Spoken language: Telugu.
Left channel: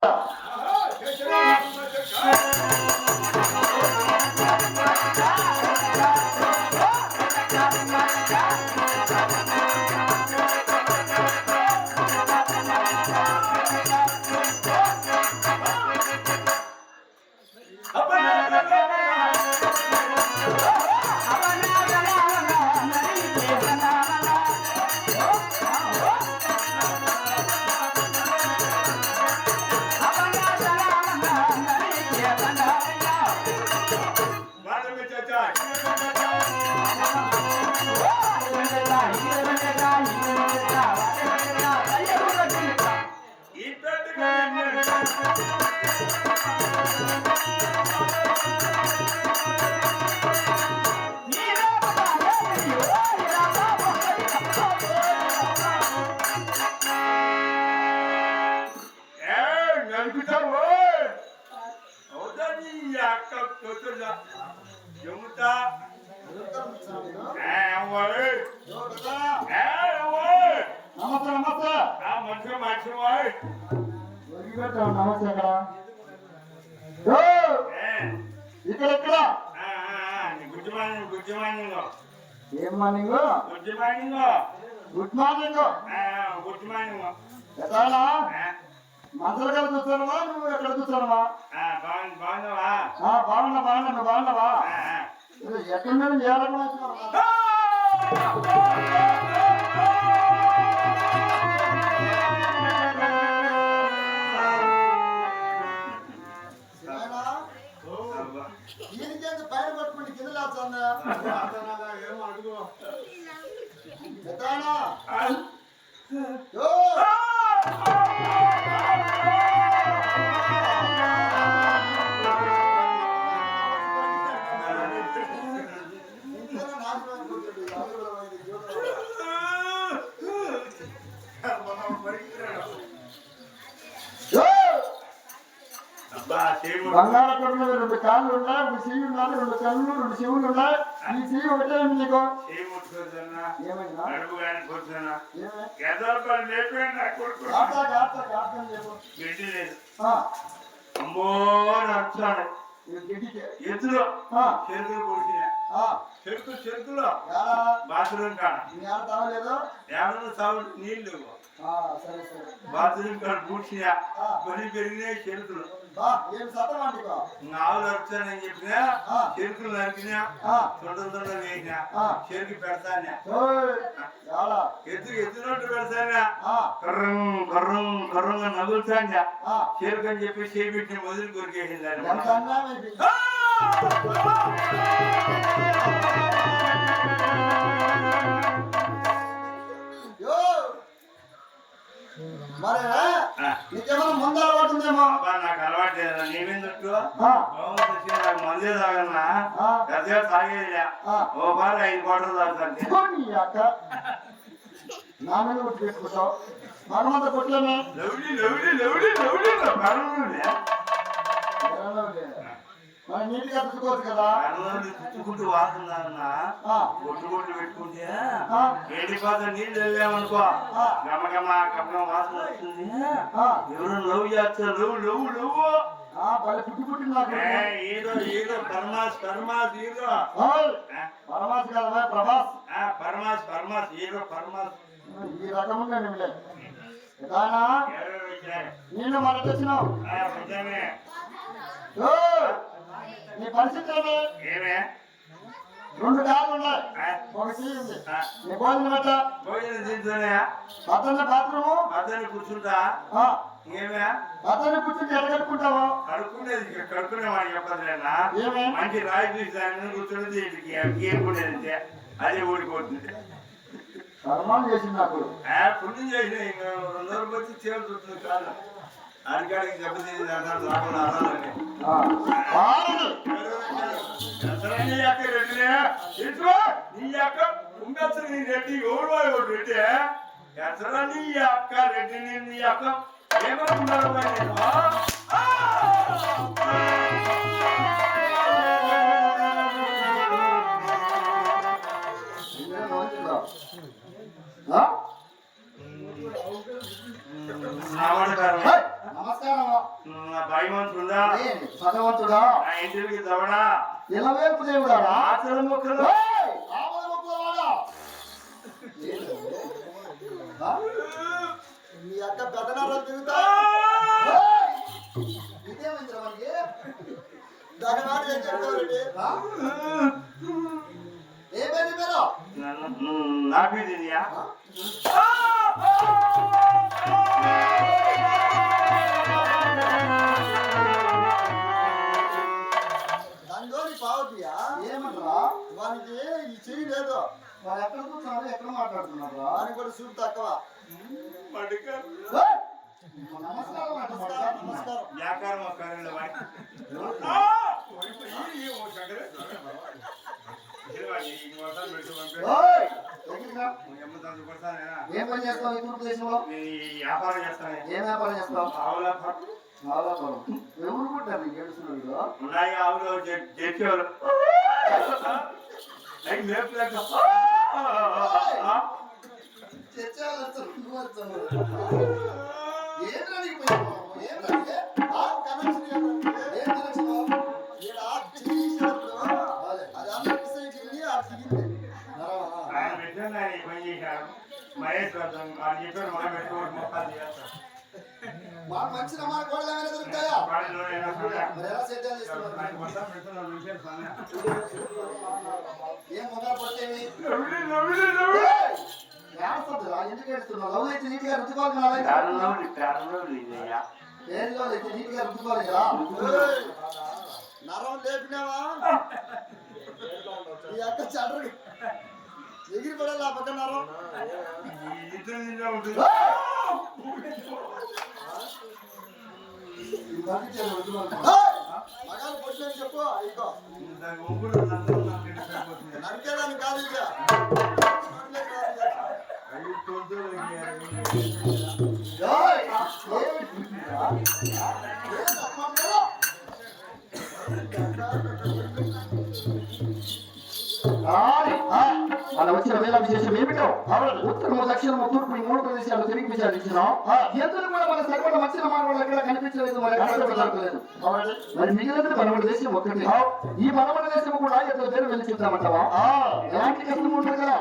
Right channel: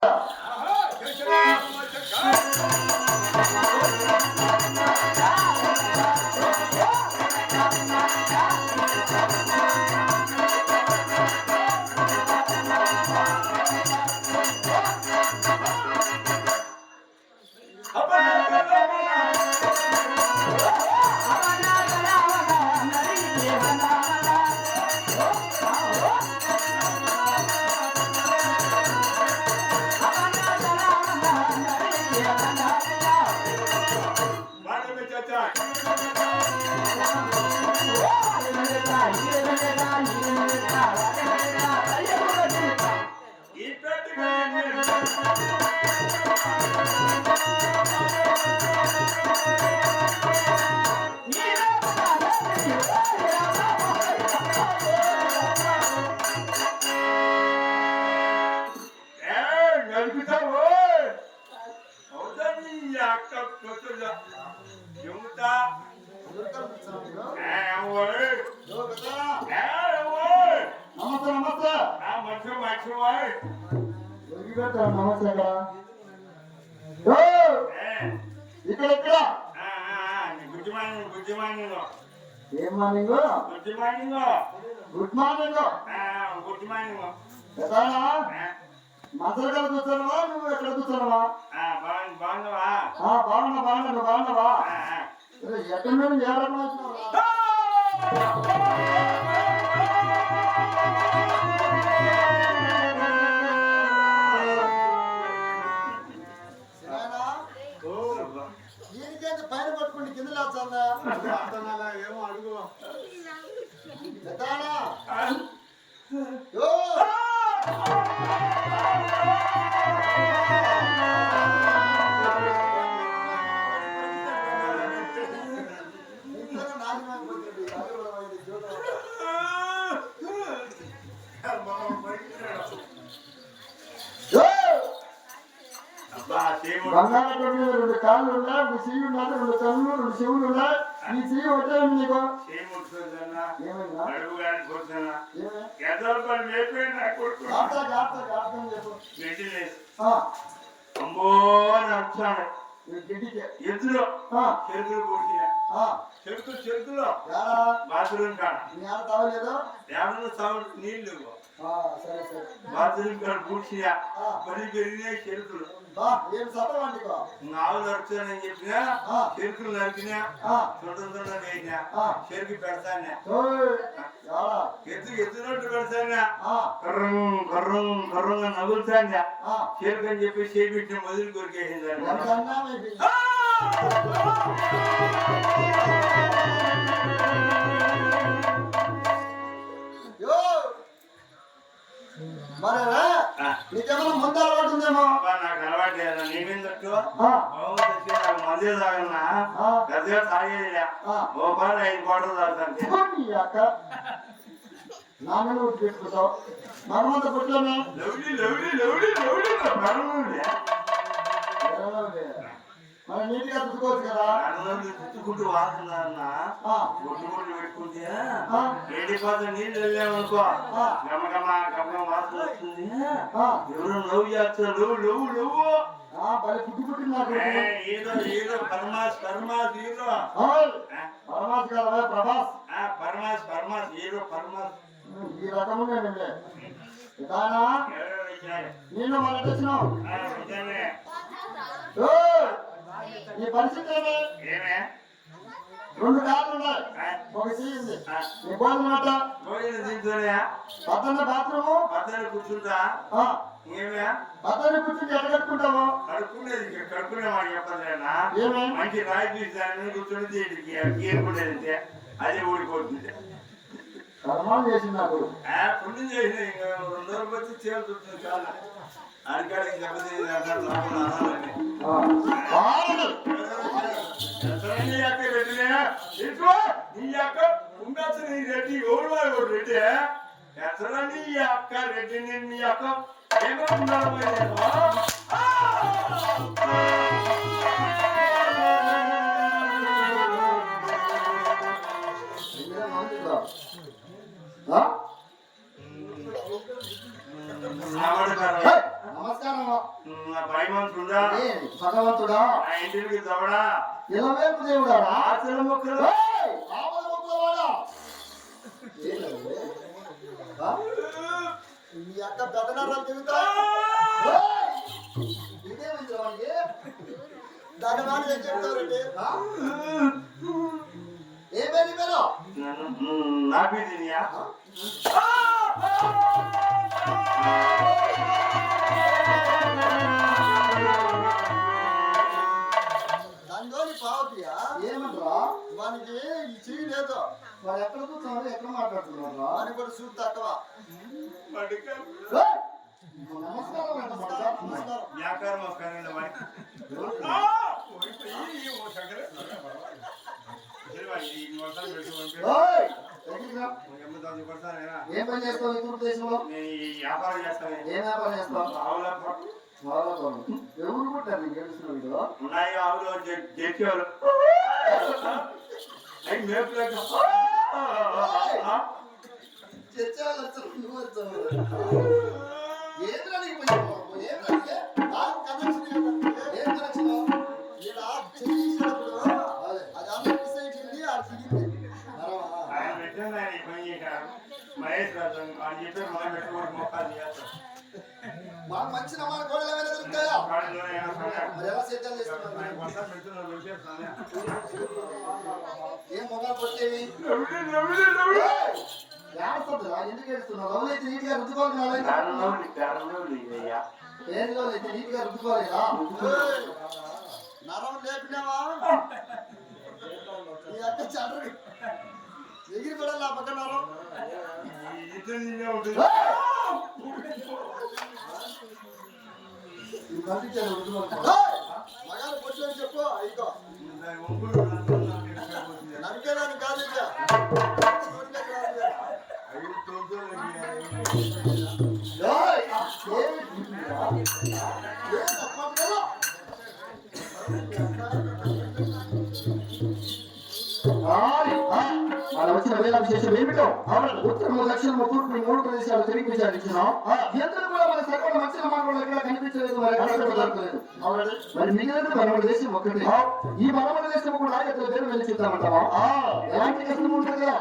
ఇక్కడ ఏం మార్నింగ్ గుడ్ మార్నింగ్ మంత్రులు కూర్చోనవా నువ్వు ఎక్కడ కూర్చోనవా బాగున్నా నువ్వు బాగున్నావా ఎక్కడ మీద ఏడన్నా పైన పట్టుకుంటే కింద లేచా ఏమో అడుగు బంగాళాదుంప మీద 2 కాళ్ళు ఉన్నాయి, 1 చెయ్యి ఉన్నది, 2 కళ్ళు, 2 చెవులు ఉన్నాయి. ఈ చెయ్యి వచ్చే నీకు ఎద్దులో చెరుకులు పూసిన చెరుకులో బాత్రూమ్ కాడ తాగలేదు నీళ్లు బాత్రూమ్ కాడ పూడ్చినా పని పెరిగినాయి చెరుకులు ఆవులు నడుపుతానని చెప్పినా చెరుకులు నరికినా తొందర వేసినా చెరుకు పెడతానా ఎత్తునట్టు పెడతానా కర్రంగా నగులుతానా చెరుకు అని చెప్పి చేపెట్టిన మొదలు కొరికేసిందని నీకేమైనా ముందు అలవాటు ఉందేమో నాకు అలవాటు లేదు నేనేందట్టు నాకు మందే తాగన్నా పెద్దగా తాగేదిలే ఓ పాలు 5 కోటలు తాగుతాను నా మీద ఉట్టి పెట్టుకుంటావు మనమంతా కొట్టాను మనం నీట్గా చుట్టుకోవచ్చు కదా చుట్టుకుంటూ వాసన గుట్టు పెట్టుకుంటే ఎండిపోతే నీళ్ళు వెళ్ళామనుకో గమగమ వాసన వస్తుంది ఎవరు లవ్ చేస్తారు లవ్ పుట్టి పుట్టింది హీరో పరమాస్ హీరో పరమాస్ కదా పరమాస్ హీరో పరమాస్ ఈ రకముగా నీళ్ళు మనకు వచ్చినావు నీ పరిస్థితి ఏమే 2 కాళ్ళు ఉన్నాయి, 1 చెయ్యి ఉంది. నీ భోజనం తింటున్నాయా బాత్రూము కూర్చుంటా ఏమే కూర్చుంటే ఎక్కడ కట్టుకుంటావు కడుక్కునే వాడికి చెప్పలేనా మంచి రాయి చూసి దాని కూర్చుని ఏరుకునేది అదే ఊడిపోతుంది కర్మాలు చేసింది నాకు పుణ్యం చేసిన 2 రోజులు వచ్చి చేరుతుంది కాదు అడికాడికి దెబ్బతిని రాకుండా నీ అక్క ఉండొచ్చు నీ రెడ్డి ఎవరు రెడ్డి ఎసరా నీ అక్క రెడ్డి నేను నీ అక్క ఏమనుకున్నాడు నమస్కారం నా భయవంతుడా భగవంతుడా నా ఇంటికి దవడా ఇలవేపు దేవుడారా ఆచరణ మొక్కలు ఆమల మొక్కల వాడా ఏంటది? ఆ? మీ అక్క పెదనారాలు తిరుగుతా ఇదేమైంది వాడికి? దగనాలు ఏం చెప్తారండి ఆ? ఏ పేరు నీ పేరు? నా బీడియా దానిలోని పావతియా ఏమంటారా వానికి ఈ చెయ్యి లేదు వాడు ఎక్కడ కూర్చున్నారు ఎక్కడ మాట్లాడుతున్నారు వానికి కూడా చూపు తక్కువ నమస్కారం అంట నమస్కారం నమస్కారం వ్యాకారం వస్తానండి ఓయ్, దగ్గరికి రా. ఏం పని చేస్తావు ఈ తూర్పు దేశంలో వ్యాపారం చేస్తాను ఏం వ్యాపారం చేస్తావు ఆవుల నాలుగు ఎవరు పుట్టారు నీకు తెలుస్తున్నాడు ఉన్నాయి ఆవులు చేసేవాళ్ళు అవి మేపులేక చర్చాలు నువ్వు వచ్చావు ఏమిరా నీకు పోయి ఏమిరా నీకు? ఆ కనెక్షన్ ఏంటంటే ఏం కనెక్షన్ ఈడ చెయ్యి తీసేటప్పుడు అది అందరి సైడ్ వెళ్ళి ఆడ దిగింది ఆయన పెట్టండి ఆయన ఈ పని చేశారు మహేష్ రాజు వాళ్ళు చెప్పారు మనం పెట్టుకోవడం మొక్కలు చేస్తారు మా మంచి నమ్మకం కూడా ఏమైనా దొరుకుతాయా వాటిలో ఏమైనా సమయం మరి ఎలా సెటిల్ చేస్తున్నారు ఆయన మొత్తం పెడుతున్న విషయం సమయం ఏం మొదలు పట్టేవి ఎందుకు ఏడుస్తున్నావు లవ్ అయితే నీట్ గా రుద్దుకోవాలి పేరులో అయితే నీట్ గా రుద్దుకోలేదా ఏయ్, నరం లేపినావా ఈ అక్క చండ్ర ఎగిరి పడాలి ఆ పక్క నరం ఇద్దరు నిన్న ఉంటుంది ఈ పంపించాను రుద్దుకోవాలి ఏయ్, మగాలు పొట్లు అని చెప్పు ఇగో దాని ఒంగులు నన్ను నాకైనా సరిపోతుంది నరికేదాన్ని కాదు ఇది పొట్లే కాదు ఇది. అవి తోలుతూ ఏయ్, ఏమి పుట్టిందిరా? ఏం అప్పట్లో? అలా వచ్చిన వేళ విశేషం ఏమిటో ఉత్తర 3 లక్షల 3 ప్రదేశాలు తిరిగి విచారించినాం ఎందుకు కూడా మన సరిపడ మంచి మార్గంలో ఎక్కడ కనిపించలేదు మరి ఎక్కడ దొరకలేదు మరి మిగిలిన మనమ దేశం ఒకటి ఈ మనమ దేశం కూడా ఎట్లా పేరు వెళ్ళి చెప్తామంటావా ఎలాంటి కష్టం ఉంటుంది కదా